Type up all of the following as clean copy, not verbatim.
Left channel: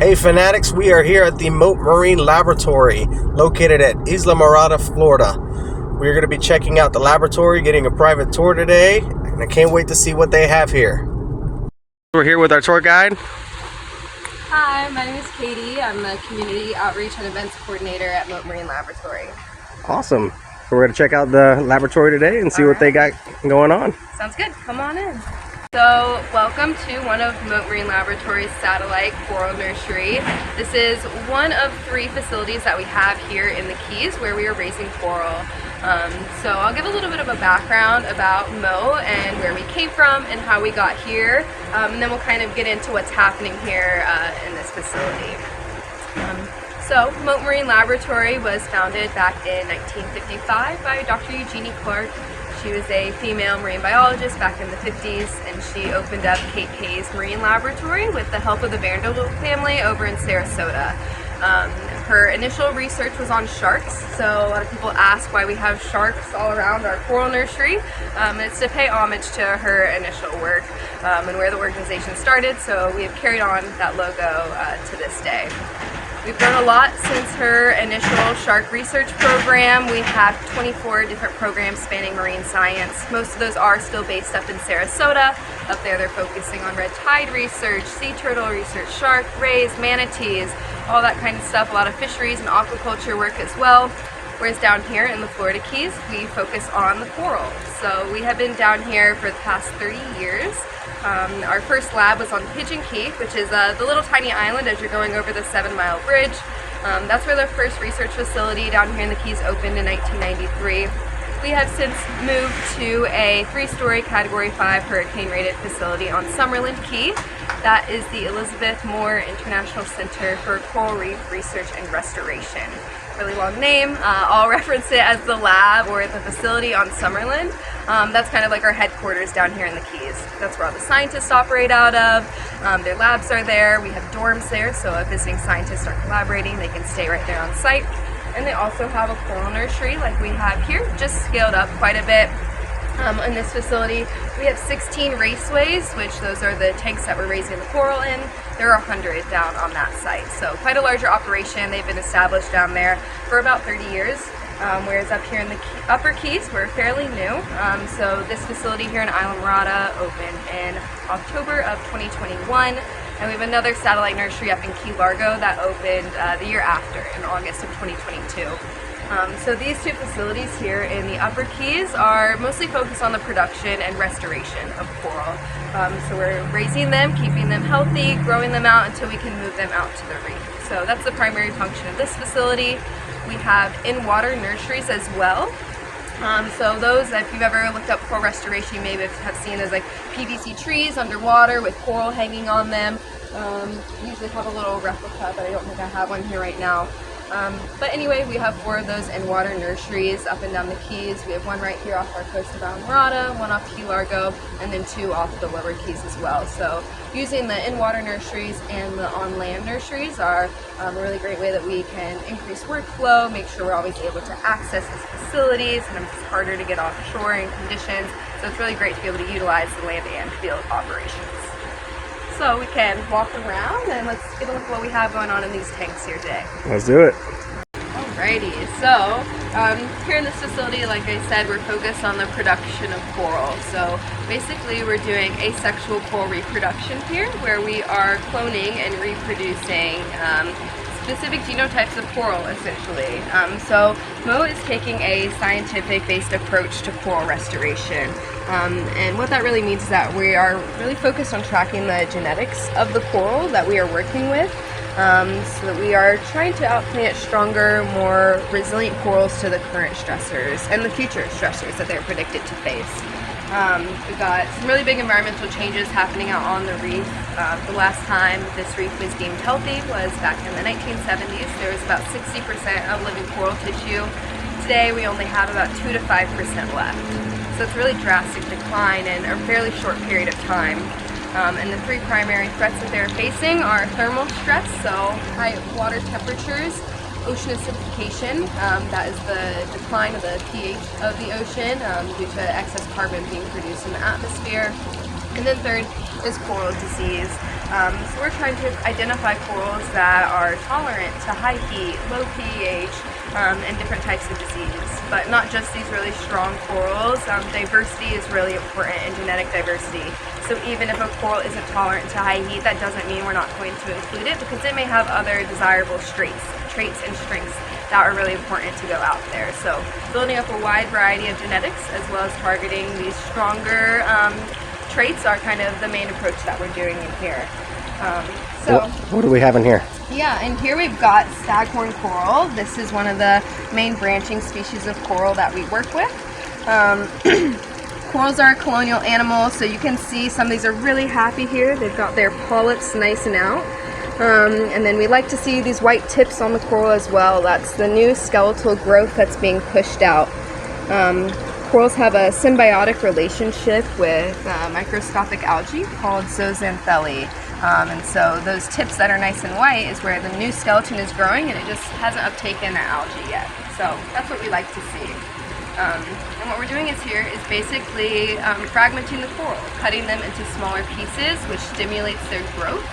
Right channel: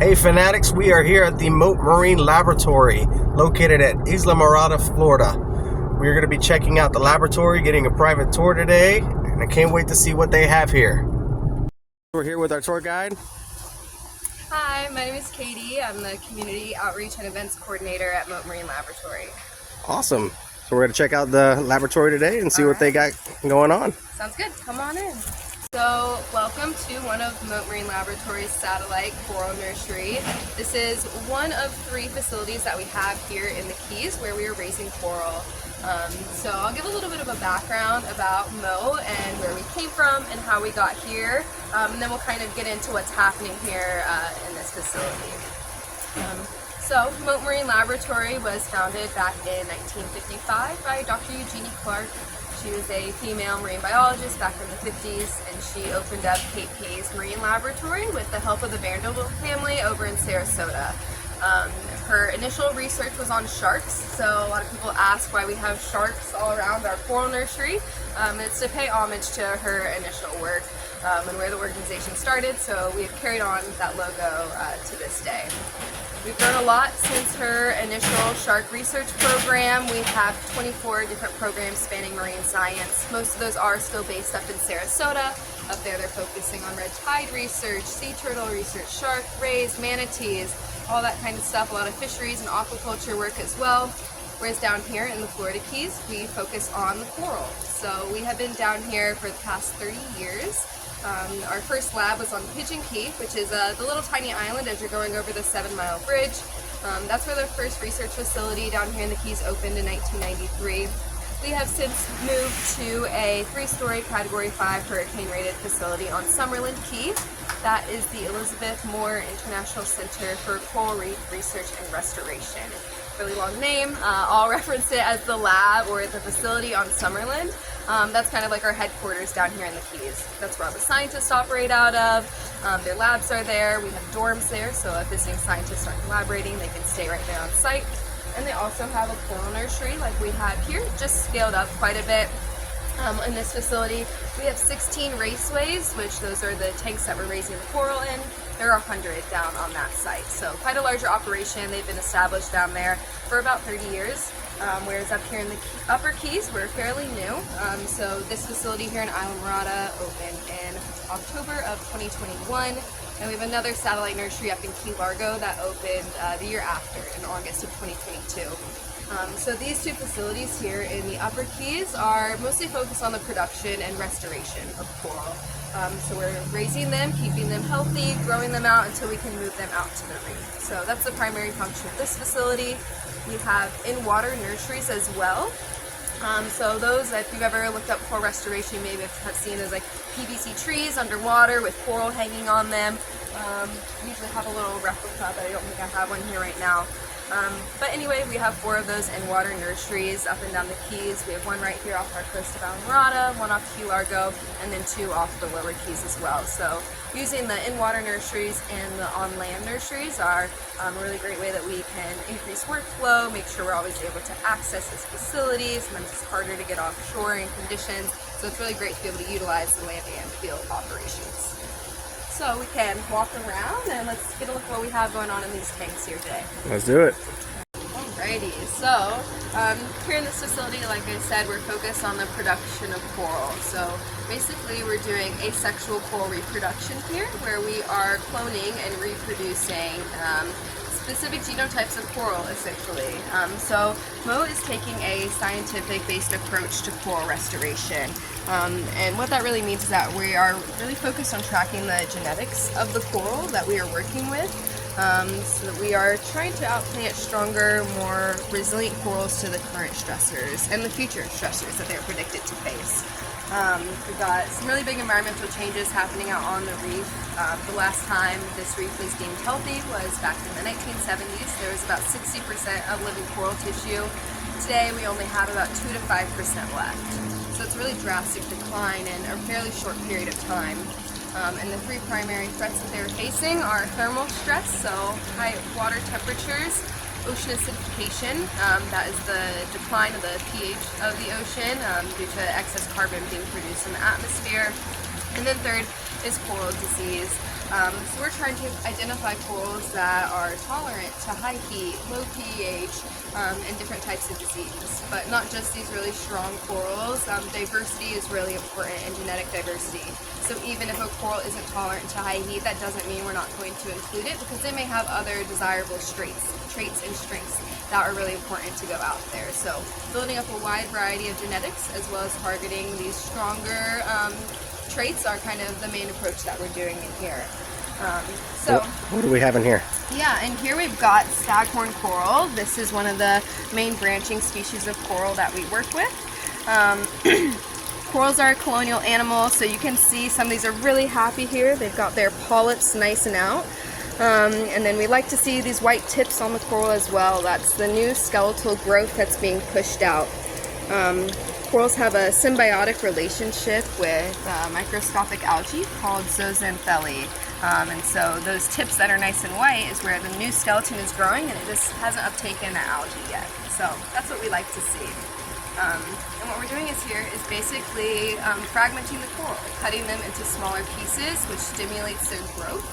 Hey fanatics, we are here at the Mote Marine Laboratory located at Islamorada, Florida. We're going to be checking out the laboratory, getting a private tour today, and I can't wait to see what they have here. We're here with our tour guide. Hi, my name is Katie. I'm the Community Outreach and Events Coordinator at Mote Marine Laboratory. Awesome. So we're going to check out the laboratory today and see what they got going on. Sounds good. Come on in. So, welcome to one of Mote Marine Laboratory's satellite coral nursery. This is one of 3 facilities that we have here in the Keys where we are raising coral. So I'll give a little bit of a background about Mote and where we came from and how we got here, and then we'll kind of get into what's happening here in this facility. So Mote Marine Laboratory was founded back in 1955 by Dr. Eugenie Clark. She was a female marine biologist back in the 50s, and she opened up Kate Kay's Marine Laboratory with the help of the Vanderbilt family over in Sarasota. Her initial research was on sharks, so a lot of people ask why we have sharks all around our coral nursery. It's to pay homage to her initial work and where the organization started, so we have carried on that logo to this day. We've grown a lot since her initial shark research program. We have 24 different programs spanning marine science. Most of those are still based up in Sarasota. Up there they're focusing on red tide research, sea turtle research, shark, rays, manatees, all that kind of stuff. A lot of fisheries and aquaculture work as well. Whereas down here in the Florida Keys, we focus on the coral. So we have been down here for the past 30 years. Our first lab was on Pigeon Key, which is the little tiny island as you're going over the 7-mile bridge. That's where the first research facility down here in the Keys opened in 1993. We have since moved to a 3-story Category 5 hurricane-rated facility on Summerland Key. That is the Elizabeth Moore International Center for Coral Reef Research and Restoration. Really long name. I'll reference it as the lab or the facility on Summerland. That's kind of like our headquarters down here in the Keys. That's where all the scientists operate out of. Their labs are there. We have dorms there, so if visiting scientists are collaborating, they can stay right there on site. And they also have a coral nursery like we have here, just scaled up quite a bit. In this facility, we have 16 raceways, which those are the tanks that we're raising the coral in. There are 100 down on that site, so quite a larger operation. They've been established down there for about 30 years, whereas up here in the Upper Keys, we're fairly new. So this facility here in Islamorada opened in October of 2021, and we have another satellite nursery up in Key Largo that opened the year after, in August of 2022. So these 2 facilities here in the Upper Keys are mostly focused on the production and restoration of coral. So we're raising them, keeping them healthy, growing them out until we can move them out to the reef. So that's the primary function of this facility. We have in-water nurseries as well. So those, if you've ever looked up coral restoration, you maybe have seen those like PVC trees underwater with coral hanging on them. We usually have a little replica, but I don't think I have one here right now. But anyway, we have 4 of those in-water nurseries up and down the Keys. We have one right here off our coast of Islamorada, one off Key Largo, and then 2 off the lower Keys as well. So using the in-water nurseries and the on-land nurseries are a really great way that we can increase workflow, make sure we're always able to access these facilities. Sometimes it's harder to get offshore in conditions, so it's really great to be able to utilize the land and field operations. So we can walk around and let's get a look at what we have going on in these tanks here today. Let's do it. Alrighty, so here in this facility, like I said, we're focused on the production of coral. So basically we're doing asexual coral reproduction here, where we are cloning and reproducing specific genotypes of coral, essentially. So Mote is taking a scientific-based approach to coral restoration. And what that really means is that we are really focused on tracking the genetics of the coral that we are working with. So that we are trying to outplant stronger, more resilient corals to the current stressors and the future stressors that they're predicted to face. We've got some really big environmental changes happening out on the reef. The last time this reef was deemed healthy was back in the 1970s. There was about 60% of living coral tissue. Today we only have about 2 to 5% left. So it's a really drastic decline in a fairly short period of time. And the 3 primary threats that they're facing are thermal stress, so high water temperatures, ocean acidification, that is the decline of the pH of the ocean due to excess carbon being produced in the atmosphere, And then third is coral disease. So we're trying to identify corals that are tolerant to high heat, low pH, and different types of disease. But not just these really strong corals. Diversity is really important in genetic diversity. So even if a coral isn't tolerant to high heat, that doesn't mean we're not going to include it, because it may have other desirable traits and strengths that are really important to go out there. So building up a wide variety of genetics as well as targeting these stronger traits are kind of the main approach that we're doing in here. What do we have in here? Yeah, and here we've got staghorn coral. This is one of the main branching species of coral that we work with. Corals are a colonial animal, so you can see some of these are really happy here. They've got their polyps nice and out. And then we like to see these white tips on the coral as well. That's the new skeletal growth that's being pushed out. Corals have a symbiotic relationship with microscopic algae called zooxanthellae. And so those tips that are nice and white is where the new skeleton is growing, and it just hasn't uptaken the algae yet. So that's what we like to see. And what we're doing is basically fragmenting the coral, cutting them into smaller pieces, which stimulates their growth,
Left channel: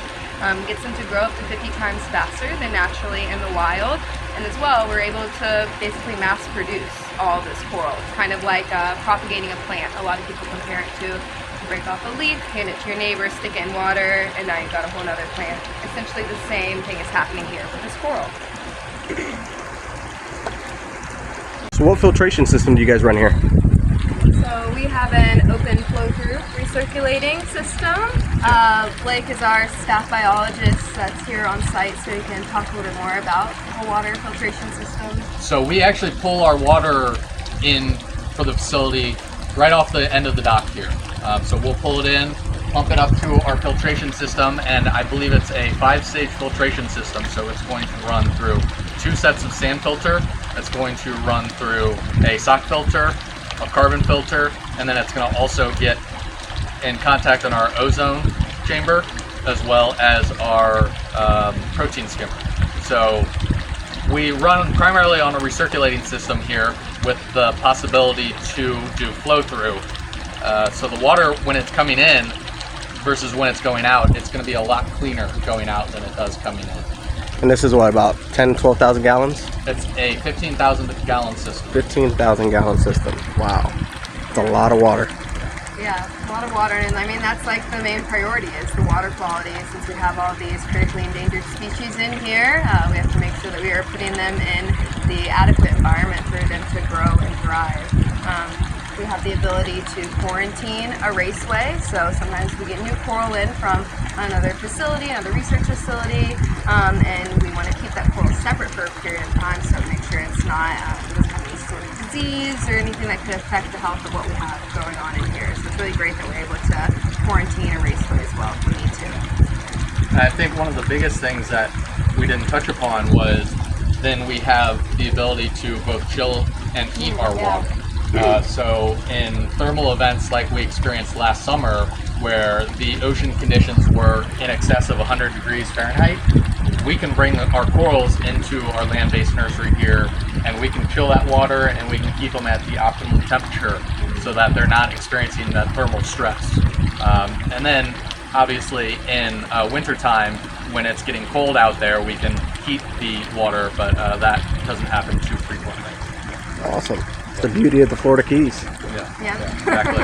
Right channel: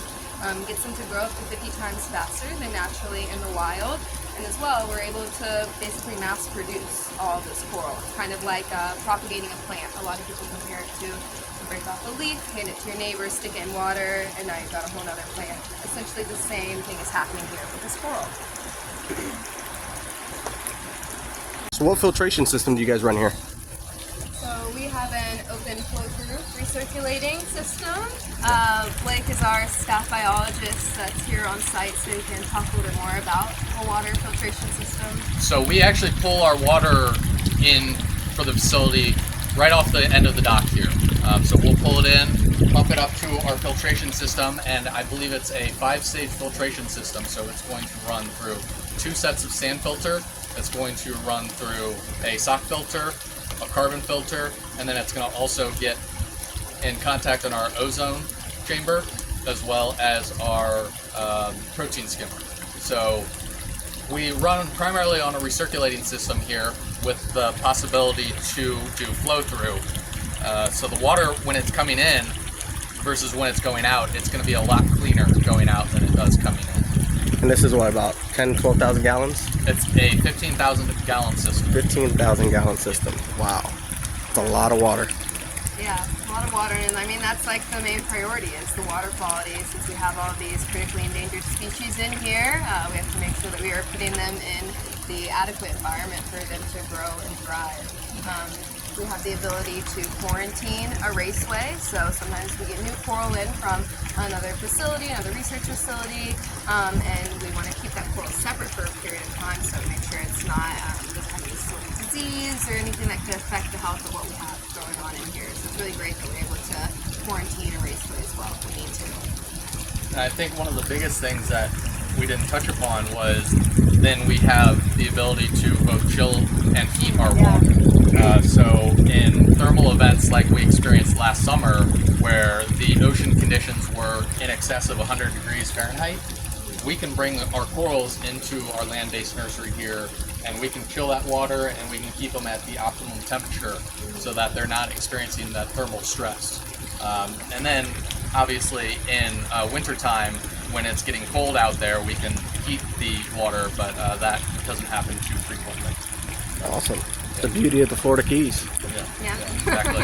gets them to grow up to 50 times faster than naturally in the wild. And as well, we're able to basically mass produce all this coral. It's kind of like propagating a plant. A lot of people compare it to break off a leaf, hand it to your neighbor, stick it in water, and now you've got a whole other plant. Essentially the same thing is happening here with this coral. So what filtration system do you guys run here? So we have an open flow through recirculating system. Blake is our staff biologist that's here on site, so he can talk a little bit more about the water filtration system. So we actually pull our water in for the facility right off the end of the dock here. So we'll pull it in, pump it up to our filtration system, and I believe it's a 5-stage filtration system. So it's going to run through 2 sets of sand filter, it's going to run through a sock filter, a carbon filter, and then it's going to also get in contact on our ozone chamber as well as our protein skimmer. So we run primarily on a recirculating system here with the possibility to do flow through. So the water, when it's coming in versus when it's going out, it's going to be a lot cleaner going out than it does coming in. And this is what, about 10, 12,000 gallons? It's a 15,000 gallon system. 15,000 gallon system. Wow. That's a lot of water. Yeah, a lot of water, and I mean that's like the main priority is the water quality. Since we have all these critically endangered species in here, we have to make sure that we are putting them in the adequate environment for them to grow and thrive. We have the ability to quarantine a raceway, so sometimes we get new coral in from another facility, another research facility, and we want to keep that coral separate for a period of time, so make sure it's not any sort of disease or anything that could affect the health of what we have going on in here. So it's really great that we're able to quarantine a raceway as well if we need to. I think one of the biggest things that we didn't touch upon was then we have the ability to both chill and heat our water. So in thermal events like we experienced last summer, where the ocean conditions were in excess of 100 degrees Fahrenheit, we can bring our corals into our land-based nursery here, and we can chill that water and we can keep them at the optimal temperature so that they're not experiencing that thermal stress. And then obviously in wintertime, when it's getting cold out there, we can heat the water, but that doesn't happen too frequently. Awesome. The beauty of the Florida Keys. Yeah. Exactly.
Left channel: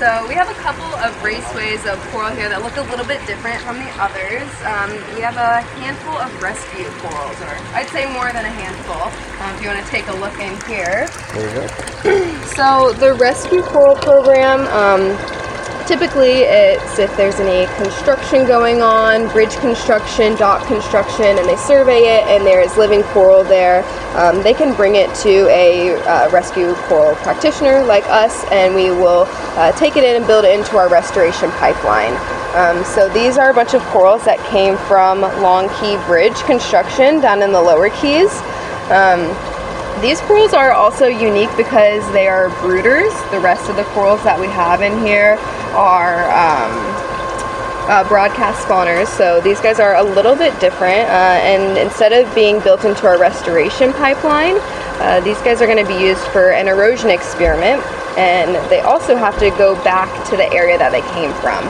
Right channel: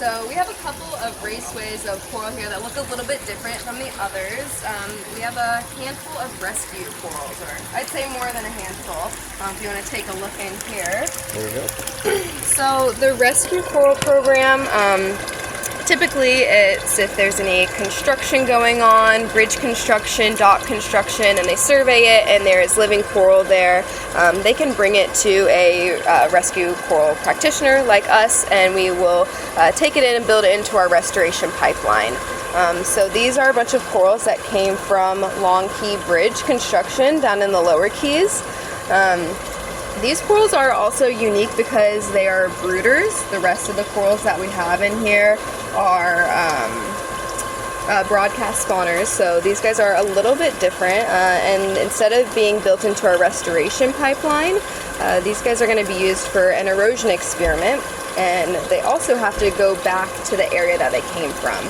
So we have a couple of raceways of coral here that look a little bit different from the others. We have a handful of rescue corals, or I'd say more than a handful, if you want to take a look in here. So the rescue coral program, typically it's if there's any construction going on, bridge construction, dock construction, and they survey it and there is living coral there, they can bring it to a rescue coral practitioner like us, and we will take it in and build it into our restoration pipeline. So these are a bunch of corals that came from Long Key Bridge construction down in the lower keys. These corals are also unique because they are brooders. The rest of the corals that we have in here are broadcast spawners, so these guys are a little bit different, and instead of being built into our restoration pipeline, these guys are going to be used for an erosion experiment. and they also have to go back to the area that they came from.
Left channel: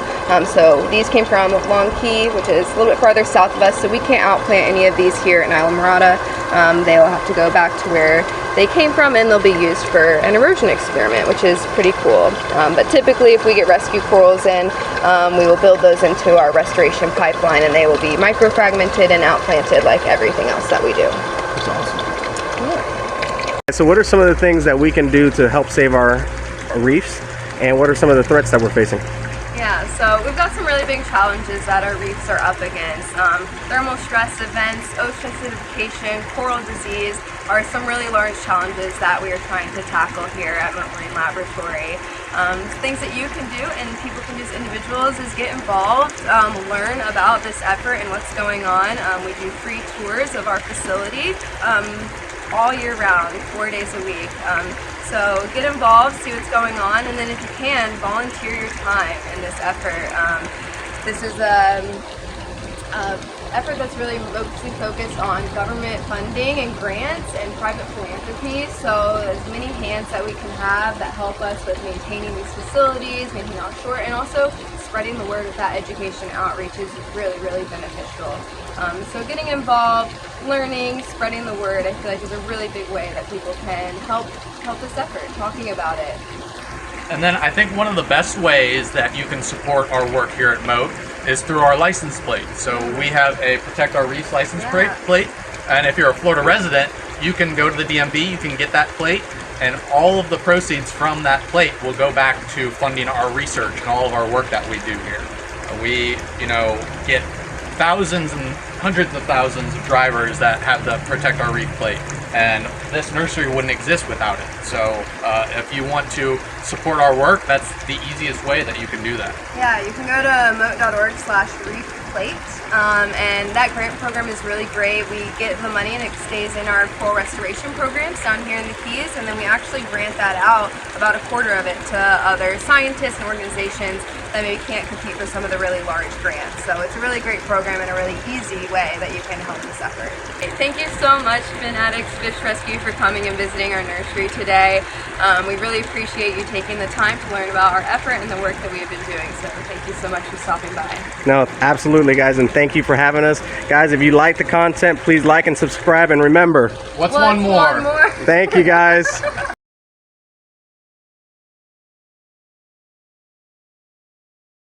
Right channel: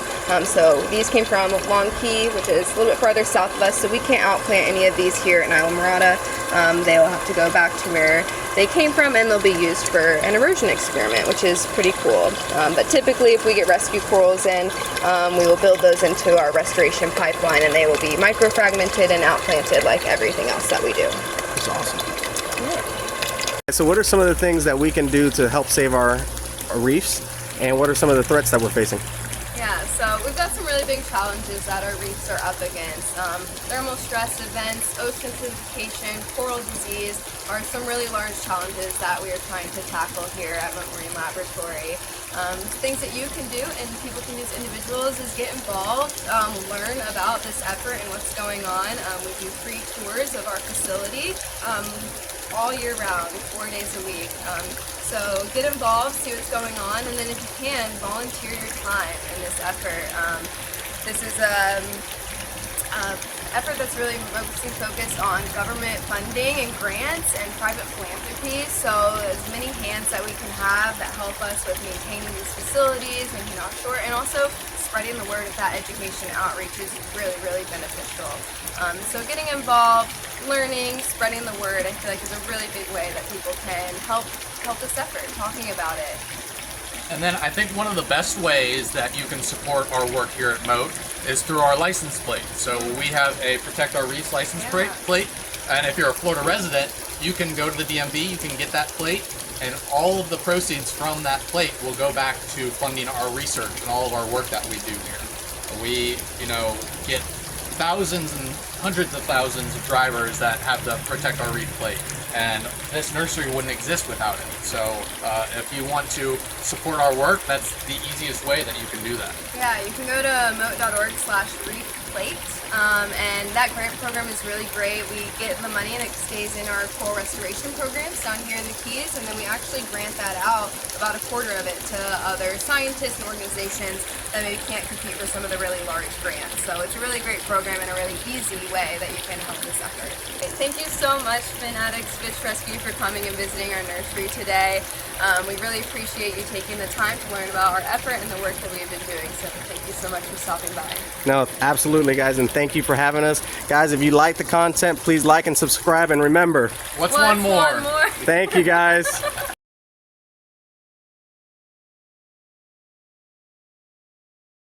So these came from Long Key, which is a little bit farther south of us, so we can't outplant any of these here in Islamorada. They will have to go back to where they came from, and they'll be used for an immersion experiment, which is pretty cool. But typically, if we get rescue corals in, we will build those into our restoration pipeline, and they will be microfragmented and outplanted like everything else that we do. That's awesome. So what are some of the things that we can do to help save our reefs, and what are some of the threats that we're facing? Yeah, so we've got some really big challenges that our reefs are up against. Thermal stress events, ocean acidification, coral disease are some really large challenges that we are trying to tackle here at Mote Marine Laboratory. Things that you can do and people can do as individuals is get involved, learn about this effort and what's going on. We do free tours of our facility all year round, 4 days a week. So get involved, see what's going on, and then if you can, volunteer your time in this effort. This is an effort that's really mostly focused on government funding and grants and private philanthropy. So as many hands that we can have that help us with maintaining these facilities, making offshore, and also spreading the word of that education outreach is really, really beneficial. So getting involved, learning, spreading the word, I feel like is a really big way that people can help this effort, talking about it. And then I think one of the best ways that you can support our work here at Mote is through our license plate. So we have a Protect Our Reefs license plate, and if you're a Florida resident, you can go to the DMV, you can get that plate, and all of the proceeds from that plate will go back to funding our research and all of our work that we do here. We, get thousands and hundreds of thousands of drivers that have the Protect Our Reef plate, and this nursery wouldn't exist without it. So if you want to support our work, that's the easiest way that you can do that. Yeah, you can go to mote.org/reefplate, and that grant program is really great. We get the money and it stays in our coral restoration programs down here in the Keys, and then we actually grant that out, about a quarter of it, to other scientists and organizations that maybe can't compete for some of the really large grants. So it's a really great program and a really easy way that you can help this effort. Thank you so much, Fin Addicts Fish Rescue, for coming and visiting our nursery today. We really appreciate you taking the time to learn about our effort and the work that we've been doing. So thank you so much for stopping by. No, absolutely, guys, and thank you for having us. Guys, if you like the content, please like and subscribe, and remember, what's one more? Thank you, guys.